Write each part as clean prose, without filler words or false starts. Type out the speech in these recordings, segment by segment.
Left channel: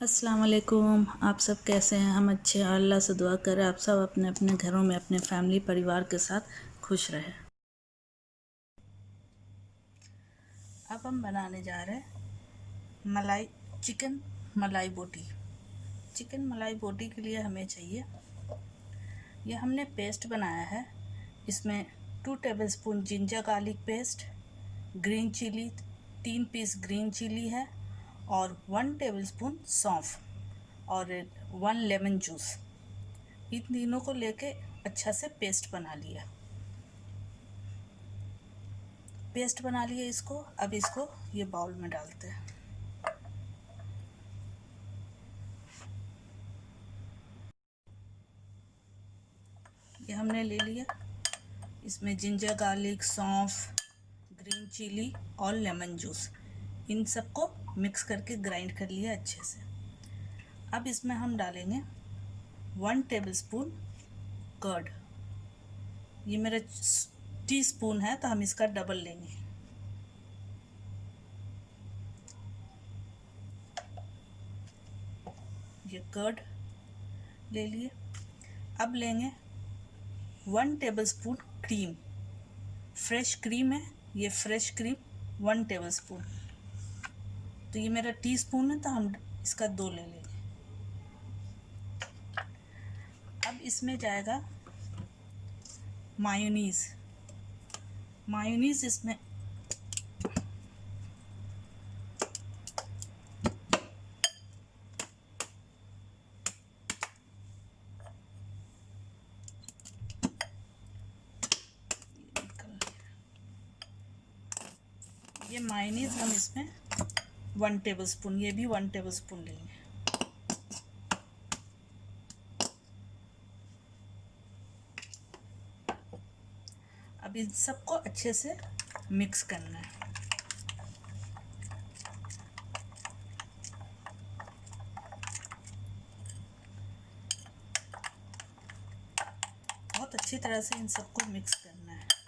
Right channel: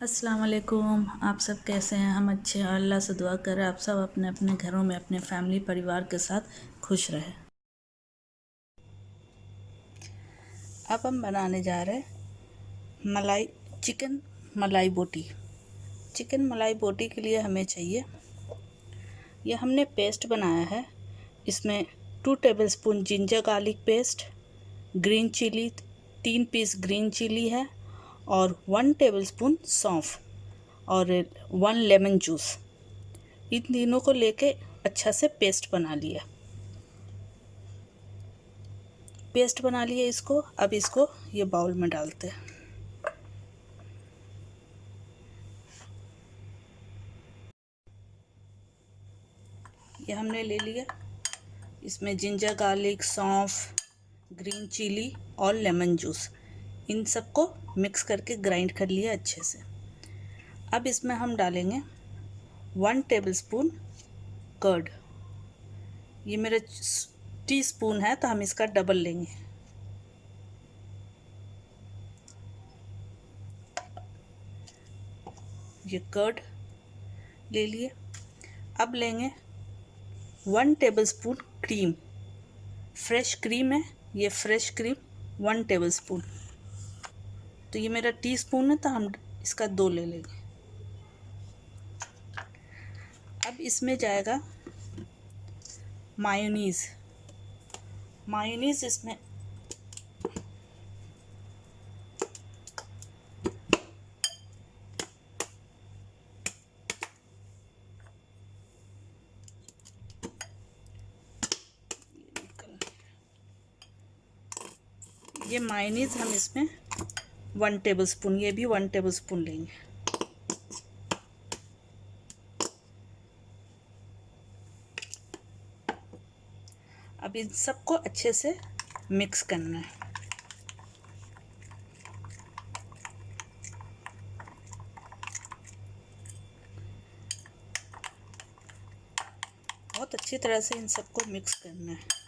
अस्सलाम वालेकुम। आप सब कैसे हैं? हम अच्छे हैं। अल्लाह से दुआ करें आप सब अपने अपने घरों में अपने फैमिली परिवार के साथ खुश रहें। अब हम बनाने जा रहे हैं चिकन मलाई बोटी। चिकन मलाई बोटी के लिए हमें चाहिए, यह हमने पेस्ट बनाया है। इसमें 2 tablespoon ginger garlic paste, green chilli 3 piece green chilli है और 1 टेबलस्पून सौंफ और 1 लेमन जूस। इन तीनों को लेके अच्छा से पेस्ट बना लिया। पेस्ट बना लिया इसको। अब इसको ये बाउल में डालते हैं। ये हमने ले लिया। इसमें जिंजर गार्लिक, सौंफ, ग्रीन चिली और लेमन जूस, इन सबको मिक्स करके ग्राइंड कर लिया अच्छे से। अब इसमें हम डालेंगे 1 टेबलस्पून कर्ड। ये मेरा टीस्पून है तो हम इसका डबल लेंगे। ये कर्ड ले लिए। अब लेंगे 1 टेबलस्पून क्रीम। फ्रेश क्रीम है, ये फ्रेश क्रीम 1 टेबलस्पून। तो ये मेरा टीस्पून है तो हम इसका 2 ले लेंगे। अब इसमें जाएगा मायोनीज़। मायोनीज़ इसमें ये मायोनीज़ हम इसमें 1 टेबलस्पून, ये भी 1 टेबलस्पून लेंगे। अब इन सबको अच्छे से मिक्स करना है। बहुत अच्छी तरह से इन सबको मिक्स करना है।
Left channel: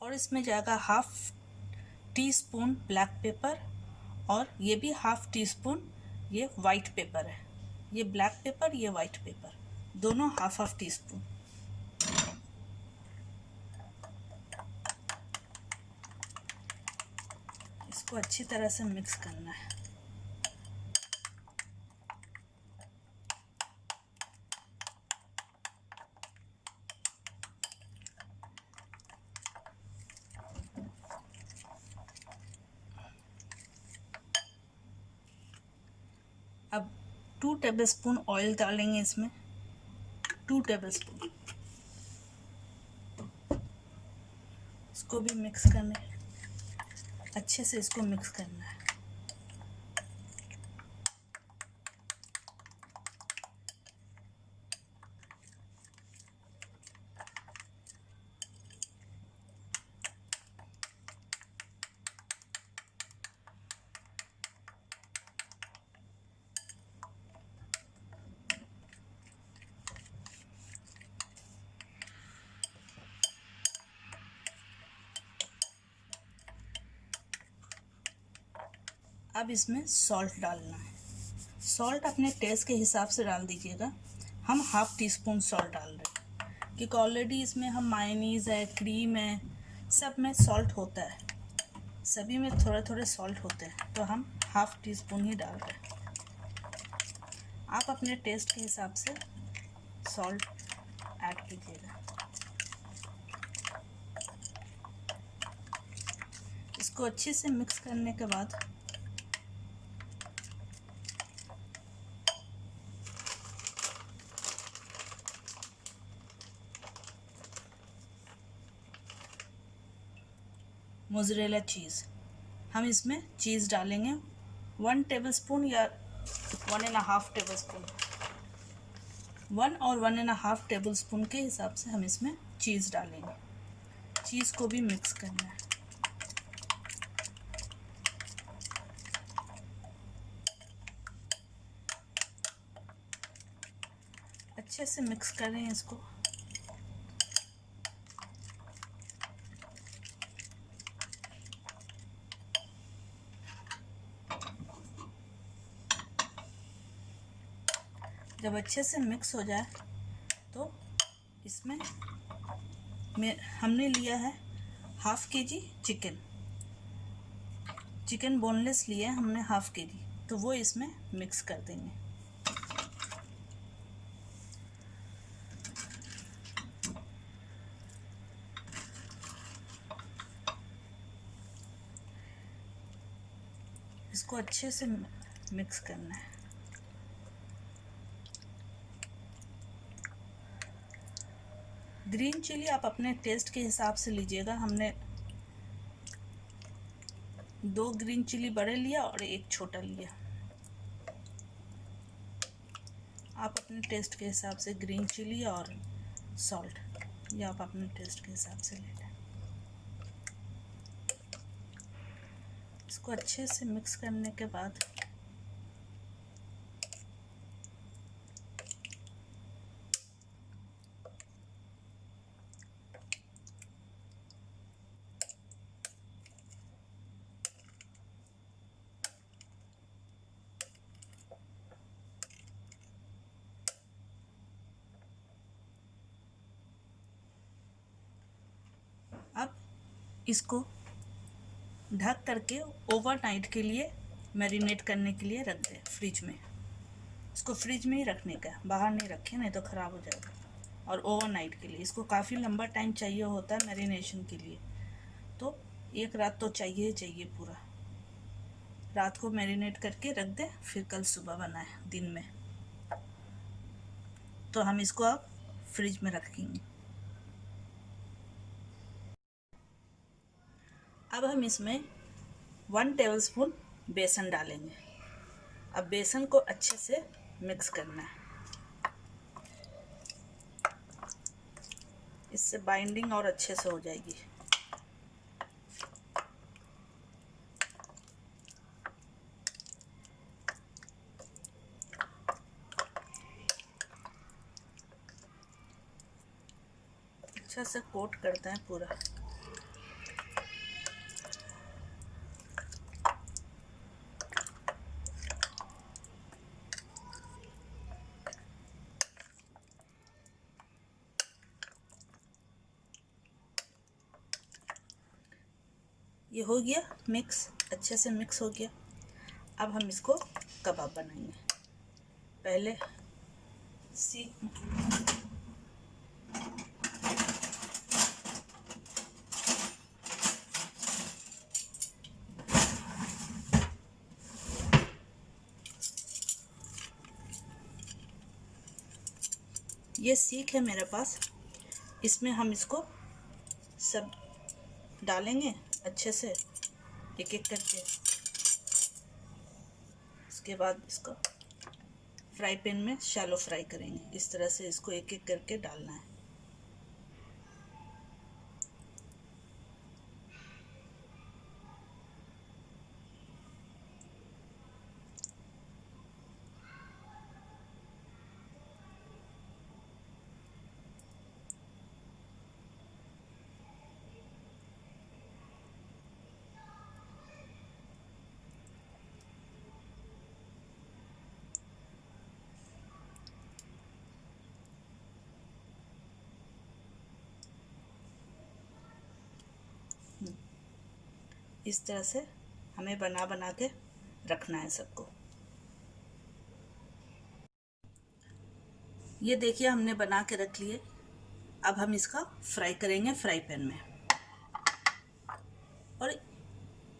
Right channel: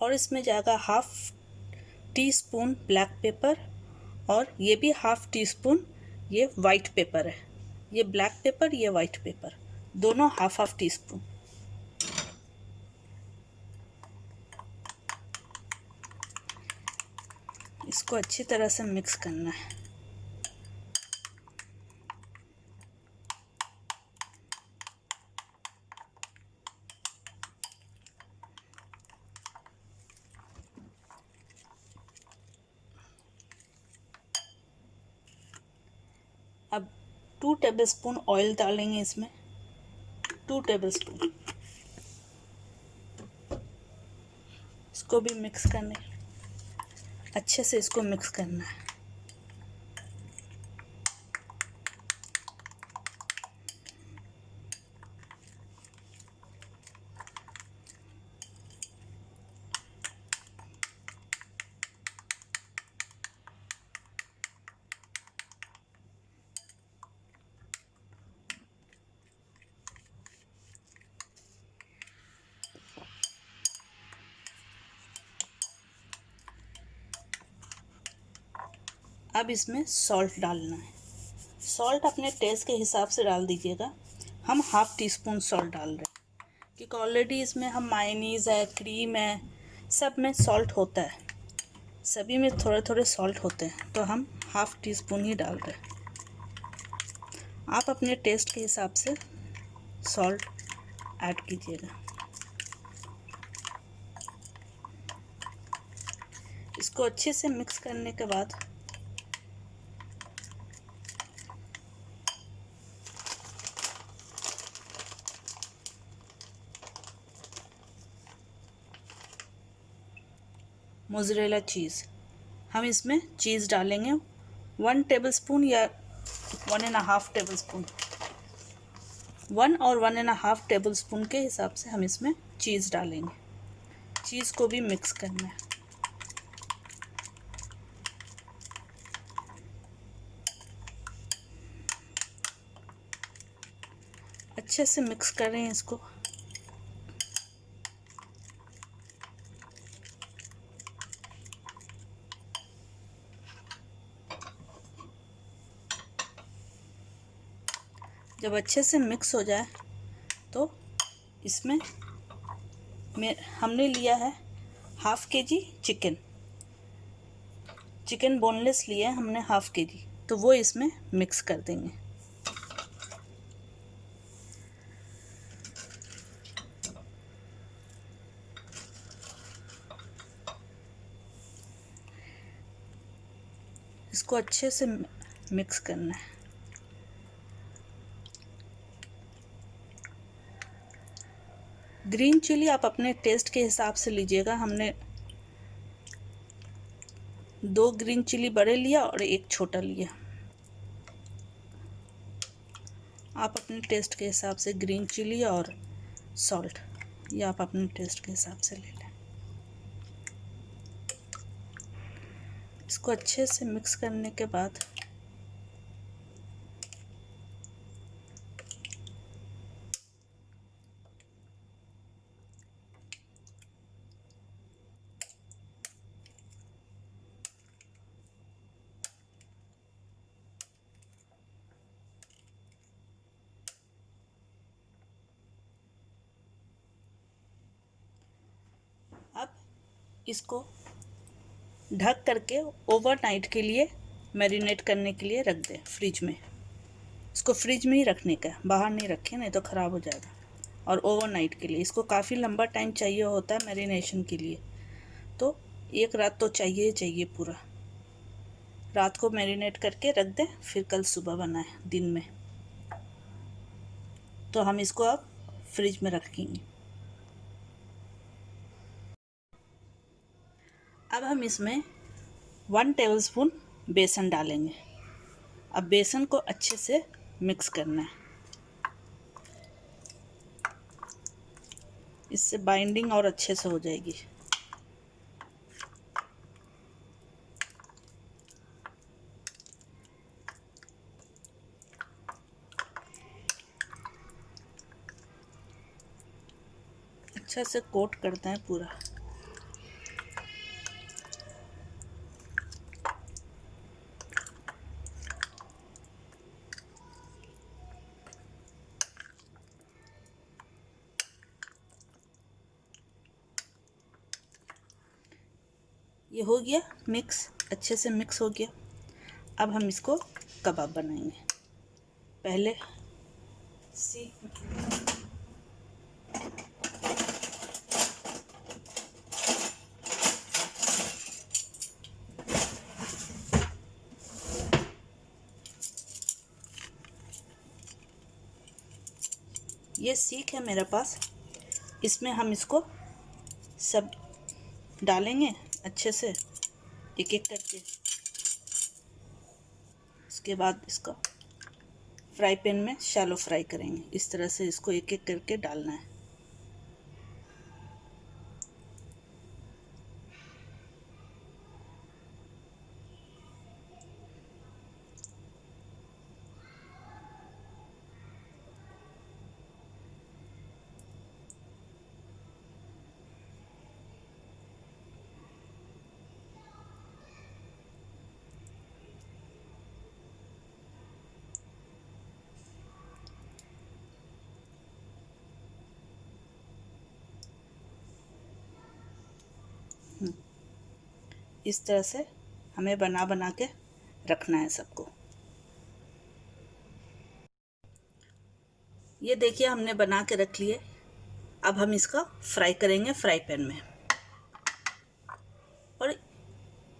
और इसमें जाएगा 1/2 टीस्पून ब्लैक पेपर और ये भी 1/2 टीस्पून ये वाइट पेपर है। ये ब्लैक पेपर, ये वाइट पेपर, दोनों 1/2 टीस्पून। इसको अच्छी तरह से मिक्स करना है। अब 2 टेबलस्पून ऑयल डालेंगे इसमें। 2 टेबलस्पून। इसको भी मिक्स करना है, अच्छे से इसको मिक्स करना है। अब इसमें सॉल्ट डालना है। सॉल्ट अपने टेस्ट के हिसाब से डाल दीजिएगा। हम 1/2 टीस्पून सॉल्ट डाल रहे हैं क्योंकि ऑलरेडी इसमें हम मायोनीज़ है, क्रीम है, सब में सॉल्ट होता है। सभी में थोड़े थोड़े सॉल्ट होते हैं तो हम 1/2 टीस्पून ही डाल रहे हैं। आप अपने टेस्ट के हिसाब से सॉल्ट ऐड कीजिएगा। इसको अच्छे से मिक्स करने के बाद मोज़रेला चीज़, हम इसमें चीज़ डालेंगे 1 टेबलस्पून या 1.5 टेबलस्पून। 1 और 1.5 टेबलस्पून के हिसाब से हम इसमें चीज़ डालेंगे। चीज़ को भी मिक्स करना है। अच्छे से मिक्स करें इसको। जब अच्छे से मिक्स हो जाए तो इसमें हमने लिया है ½ kg चिकन बोनलेस लिया है हमने ½ kg, तो वो इसमें मिक्स कर देंगे। इसको अच्छे से मिक्स करना है। ग्रीन चिली आप अपने टेस्ट के हिसाब से लीजिएगा। हमने 2 ग्रीन चिली बड़े लिया और 1 छोटा लिया। आप अपने टेस्ट के हिसाब से ग्रीन चिली और सॉल्ट या आप अपने टेस्ट के हिसाब से ले लें। इसको अच्छे से मिक्स करने के बाद अब इसको ढक करके ओवरनाइट के लिए मैरिनेट करने के लिए रख दें फ्रिज में। इसको फ्रिज में ही रखने का, बाहर नहीं रखें नहीं तो ख़राब हो जाएगा। और ओवरनाइट के लिए इसको काफ़ी लंबा टाइम चाहिए होता है मैरिनेशन के लिए, तो 1 रात तो चाहिए ही चाहिए पूरा। रात को मैरिनेट करके रख दें, फिर कल सुबह बनाएं दिन में। तो हम इसको अब फ्रिज में रखेंगे। अब हम इसमें 1 टेबलस्पून बेसन डालेंगे। अब बेसन को अच्छे से मिक्स करना है, इससे बाइंडिंग और अच्छे से हो जाएगी। अच्छा से कोट करते हैं पूरा। ये हो गया मिक्स, अच्छे से मिक्स हो गया। अब हम इसको कबाब बनाएंगे। पहले सीख ये सीख है मेरे पास, इसमें हम इसको सब डालेंगे अच्छे से एक एक करके। उसके बाद इसको फ्राई पैन में शैलो फ्राई करेंगे। इस तरह से इसको एक एक करके डालना है। इस तरह से हमें बना बना के रखना है सबको। ये देखिए हमने बना के रख लिए। अब हम इसका फ्राई करेंगे फ्राई पैन में। और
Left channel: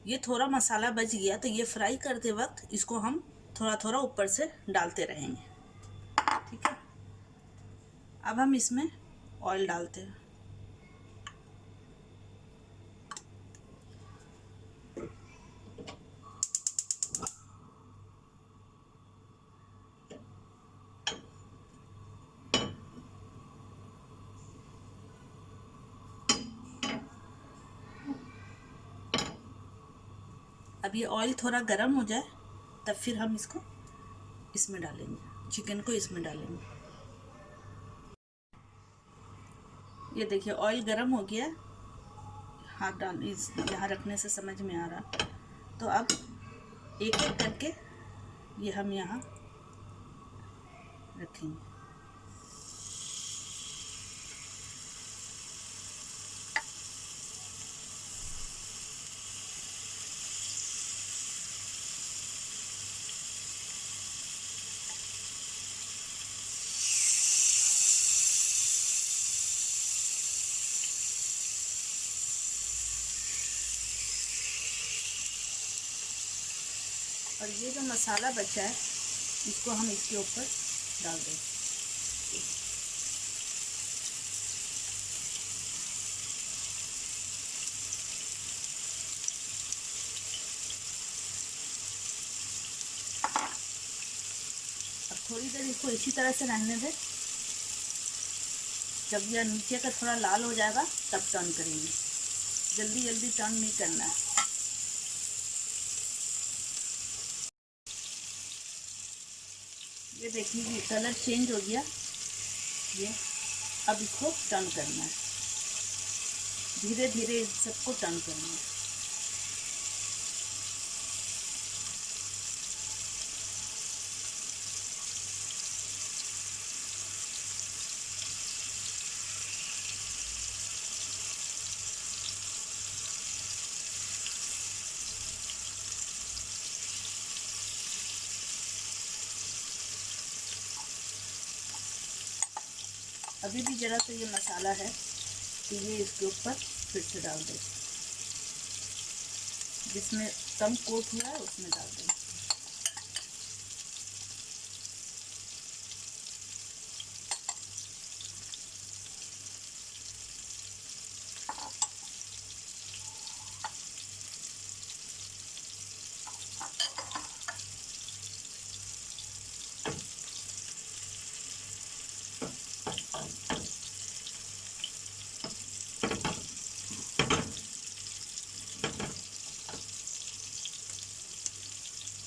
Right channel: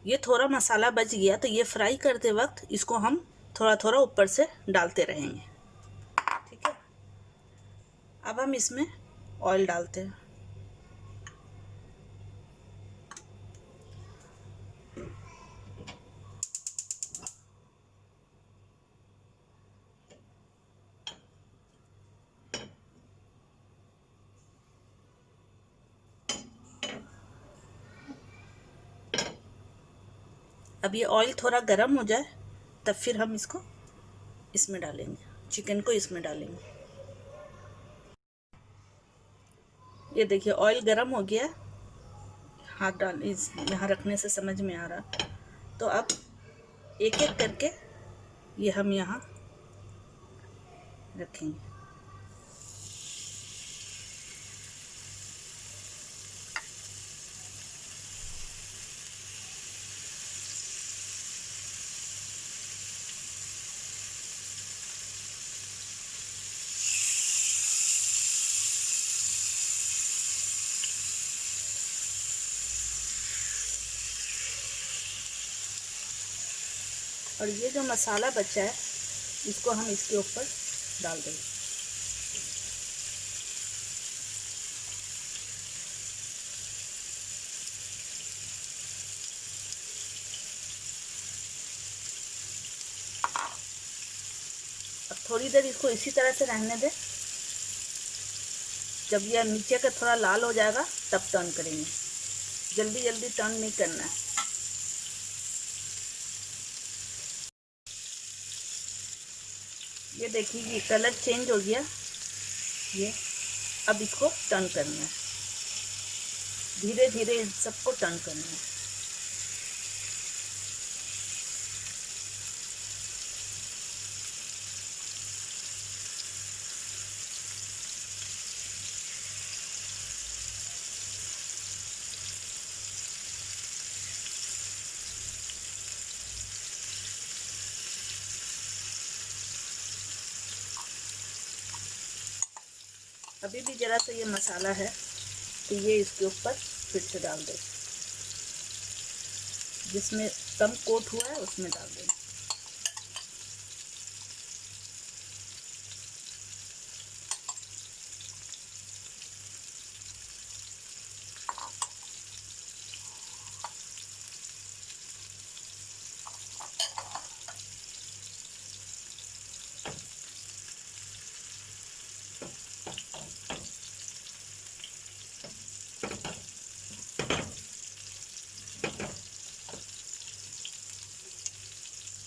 ये थोड़ा मसाला बच गया तो ये फ्राई करते वक्त इसको हम थोड़ा थोड़ा ऊपर से डालते रहेंगे, ठीक है। अब हम इसमें ऑयल डालते हैं। अब ये ऑयल थोड़ा गर्म हो जाए तब फिर हम इसको इसमें डालेंगे, चिकन को इसमें डालेंगे। ये देखिए ऑयल गरम हो गया, हाथ डाल इस यहाँ रखने से समझ में आ रहा। तो अब एक एक करके ये हम यहाँ रखेंगे। और ये जो मसाला बचा है इसको हम इसके ऊपर डाल देंगे। अब थोड़ी देर इसको इसी तरह से रहने दें। जब यह नीचे का थोड़ा लाल हो जाएगा तब टर्न करेंगे। जल्दी जल्दी टर्न नहीं करना है। ये देखिए कलर चेंज हो गया। ये अब इसको टर्न करना है, धीरे धीरे इन सबको टर्न करना है। अभी भी ज़रा सा ये मसाला है तो ये इसके ऊपर फिर से डाल दें। जिसमें कम कोट हुआ है उसमें डाल दें।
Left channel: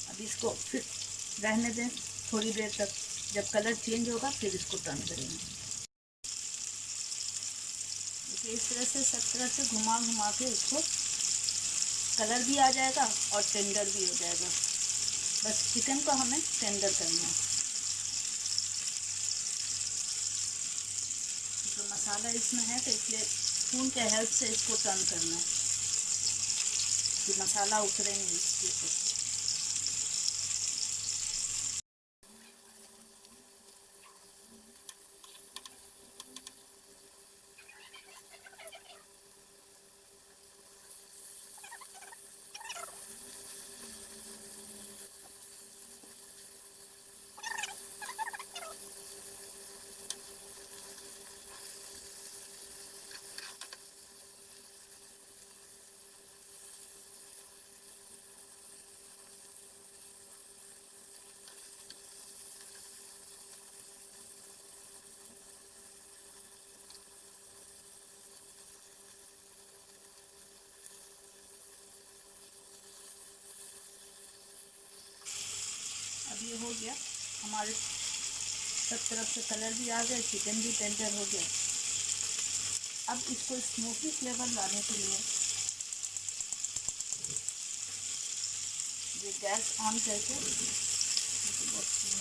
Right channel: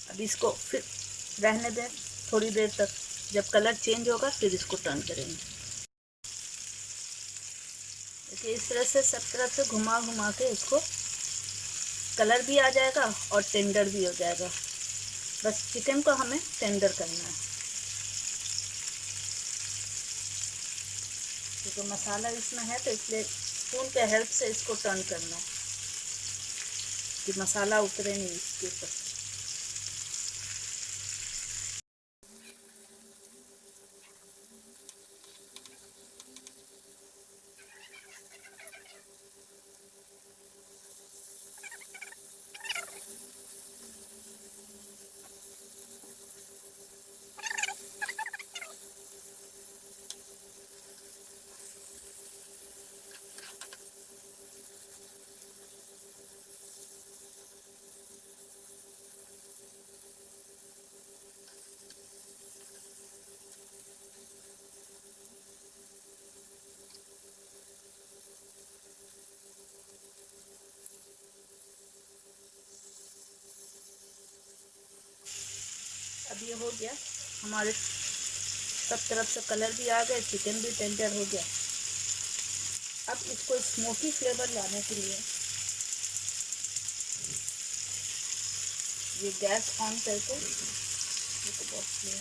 अब इसको फिर रहने दें थोड़ी देर तक। जब कलर चेंज होगा फिर इसको टर्न करेंगे। देखिए इस तरह से सब तरह से घुमा घुमा के इसको कलर भी आ जाएगा और टेंडर भी हो जाएगा। बस चिकन को हमें टेंडर करना है। क्योंकि मसाला इसमें है तो इसलिए स्पून के हेल्प से इसको टर्न करना है कि मसाला उतरे नहीं इसके ऊपर। अब ये हो गया हमारे सब तरफ से कलर भी आ गया, चिकन भी टेंडर हो गया। अब इसको स्मोकी फ्लेवर लाने के लिए ये गैस ऑन करके, ये तो बहुत है,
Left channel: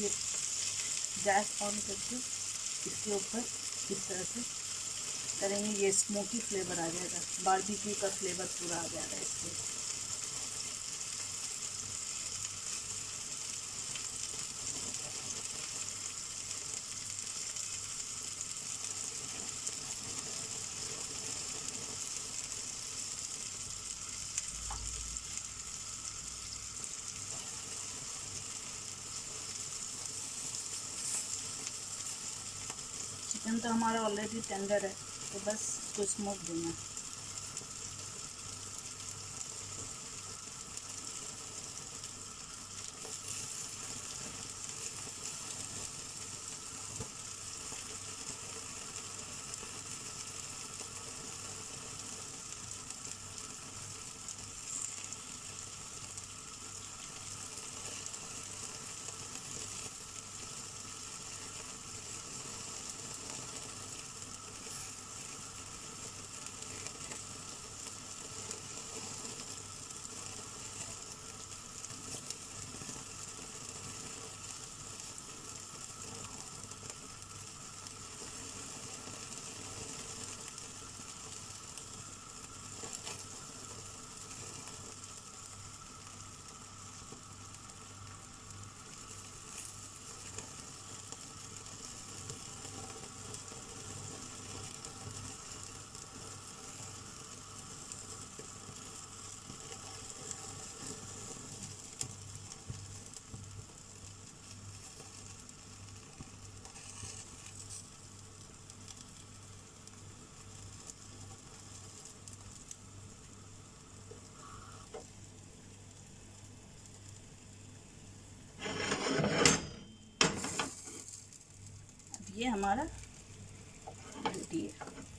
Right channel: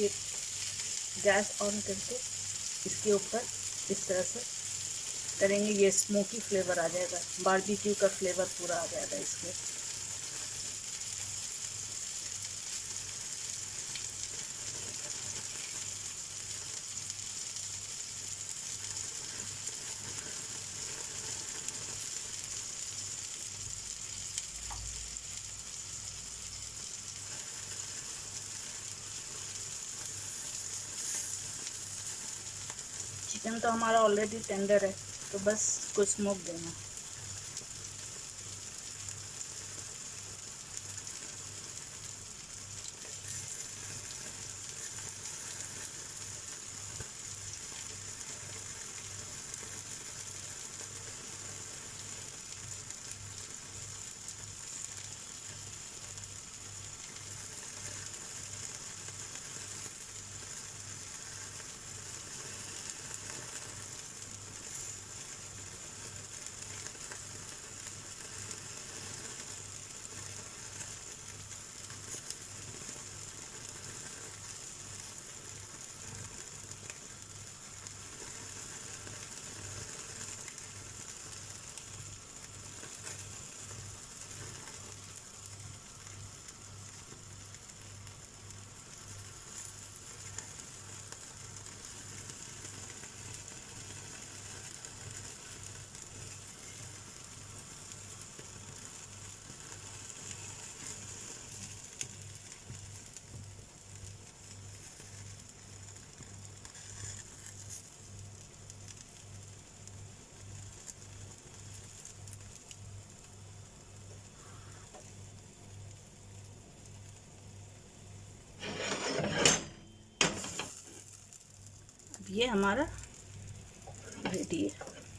ये गैस ऑन करके इसके ऊपर इस तरह से करेंगे। ये स्मोकी फ्लेवर आ जाएगा, बारबेक्यू का फ्लेवर पूरा आ जाएगा इसमें। चिकन तो हमारा ऑलरेडी टेंडर है तो बस इसको स्मोक देना। ये हमारा रेडी है।